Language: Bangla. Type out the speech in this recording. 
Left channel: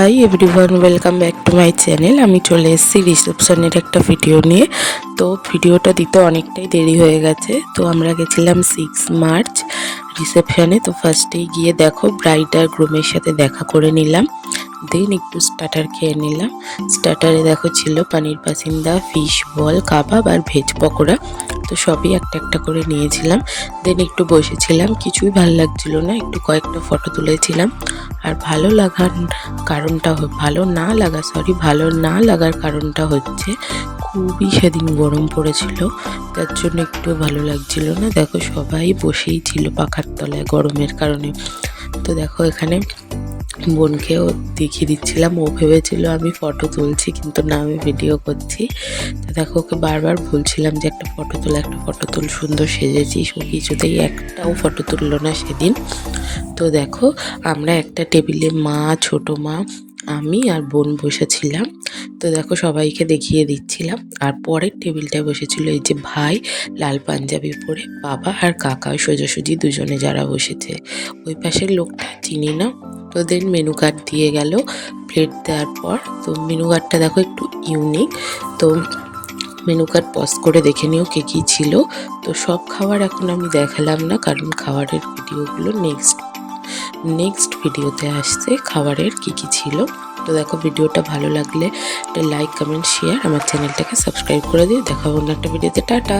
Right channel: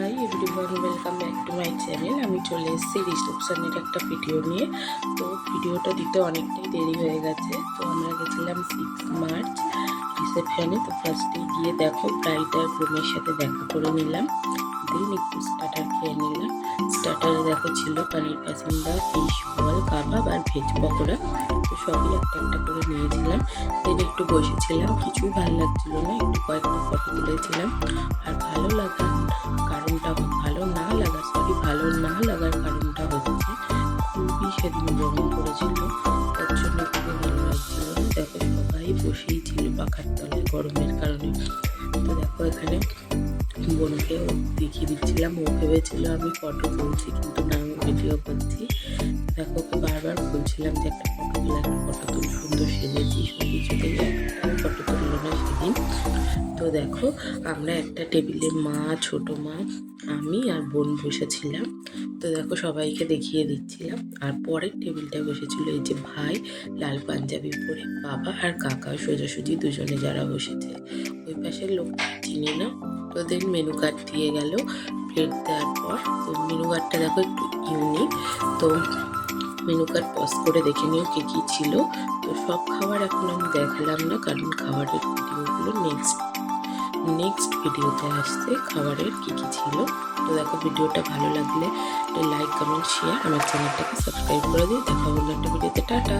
Hi everyone, welcome back to my channel. আমি চলে এসেছি রিসেপশনের একটা ভিডিও নিয়ে। তো ভিডিওটা দিতে অনেকটাই দেরি হয়ে গেছে। তো আমরা গেছিলাম 6 মার্চ রিসেপশনে। তো ফার্স্টেই গিয়ে দেখো ব্রাইড আর গ্রুমের সাথে দেখা করে নিলাম, দেন একটু স্টার্টার খেয়ে নিলাম। স্টার্টারে দেখো ছিল পানির পাসিন্দা, ফিশ বল, কাবাব আর ভেজ পকোড়া। তো সবই একটা একটা করে নিয়েছিলাম। দেন একটু বসেছিলাম, কিছুই ভালো লাগছিল না, একটু কয়েকটা ফটো তুলেছিলাম। আর ভালো না লাগার কারণটা হচ্ছে খুবই সেদিন গরম পড়েছিল, তার জন্য একটু ভালো লাগছিল না। দেখো সবাই বসেই ছিল পাখার তলায় গরমের কারণে। তো দেখো এখানে বোনকেও দেখিয়ে দিচ্ছিলাম, ও ভেবেছিল আমি ফটো তুলছি, কিন্তু না, আমি ভিডিও করছি। তো দেখো ওকে বারবার বলছিলাম যে একটা ফটো তুল, সুন্দর সেজেছিস। ও কিছুতেই একটাও ফটো তুললো না সেদিন। তো দেখো আমরা একটা টেবিলে মা, ছোট মা, আমি আর বোন বসেছিলাম। তো দেখো সবাইকে দেখিয়ে দিচ্ছিলাম। আর পরের টেবিলটায় বসেছিল এই যে ভাই, লাল পাঞ্জাবি পরে, বাবা আর কাকা, সোজাসুজি দুজনে যারা বসেছে। ওই পাশের লোকটা চিনি না। তো দেন মেনু কার্ড দিয়ে গেল প্লেট দেওয়ার পর। তো মেনু কার্ডটা দেখো একটু ইউনিক। তো মেনু কার্ড পজ করে দেখে নিও কে কী ছিল। তো সব খাবার এখন আমি দেখালাম না, কারণ খাবারের ভিডিওগুলো নেক্সট ভিডিওতে আসছে খাবারের কী কী ছিল। তো দেখো ভিডিওটা ভালো লাগলে একটা লাইক, কমেন্ট, শেয়ার, আমার চ্যানেলটাকে সাবস্ক্রাইব করে দিও। দেখা অন্য একটা ভিডিওতে। টাটা।